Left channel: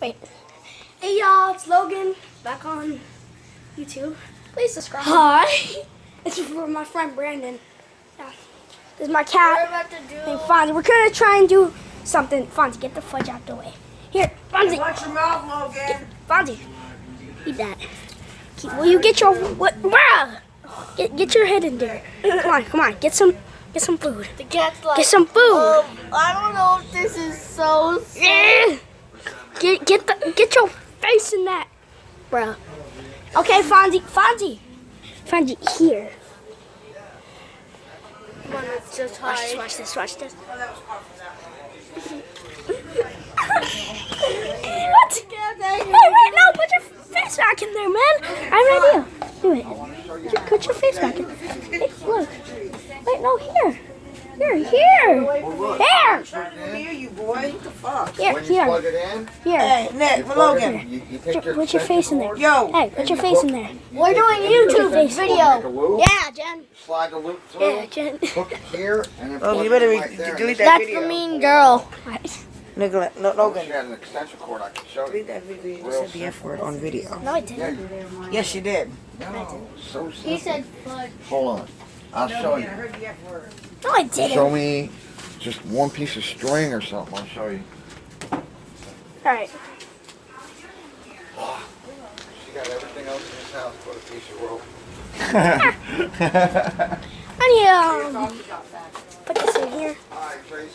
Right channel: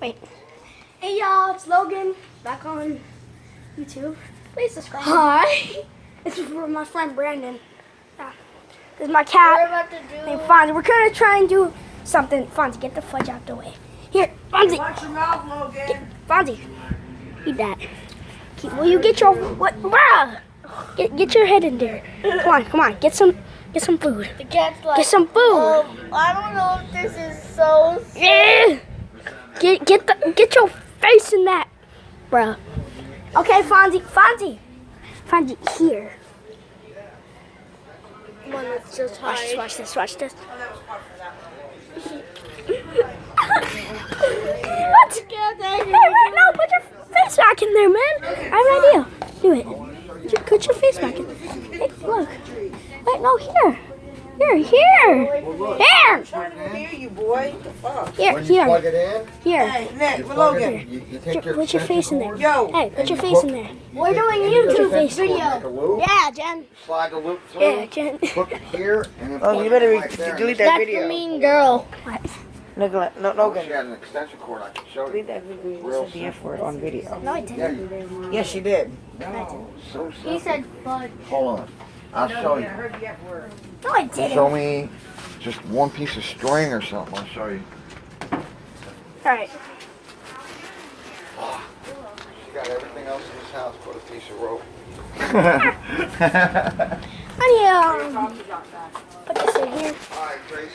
Wait. Hey y'all, it's Logan back on YouTube. Please subscribe. Hi. This is for my friend Brandon. Yeah. This is my cat. We're about to do. Hey, Fonzie, we're gonna try and do something. Fonzie, get the fudge out the way. Here, Fonzie. Watch your mouth, Logan. Fonzie, eat that. Will you get your what? Bruh! Get your head in there. Come on. Get some food. The cat's like. Get some food. I don't know if this is so. Yeah. Get your face in that, bruh. Okay, Fonzie, here. Come on, let's just hide. Watch this. What? Wait, no, put your face back in there, man. I have an idea. Do it. Put your face back in. Hey, look. Wait, no, here. Trying to hear you, boy. What the fuck? Here. When you plug it in, Here. Hey, Nick, plug it Logan. in, you take your Put your face in there. cord, Yo. Hey, put and your you face hook- in there. We're doing take the YouTube extension cord, video. make a loop, Yeah, Jen. slide the loop through, Here, Jen. hook it here, and then Oh, plug you it better right there. delete That's that the video. mean girl. Logan, I Logan. got an extension cord I can show Delete you. that video. You Real said the F word on video. No, I didn't. Yes, you did. No, so simple. He said fudge. Hold on. I'll show you. heard the F word. No, I didn't. Show me just one piece of string or something. I'll show you. All right. She got everything else in this house but a piece of rope. I need put this in here. All right, Tracy.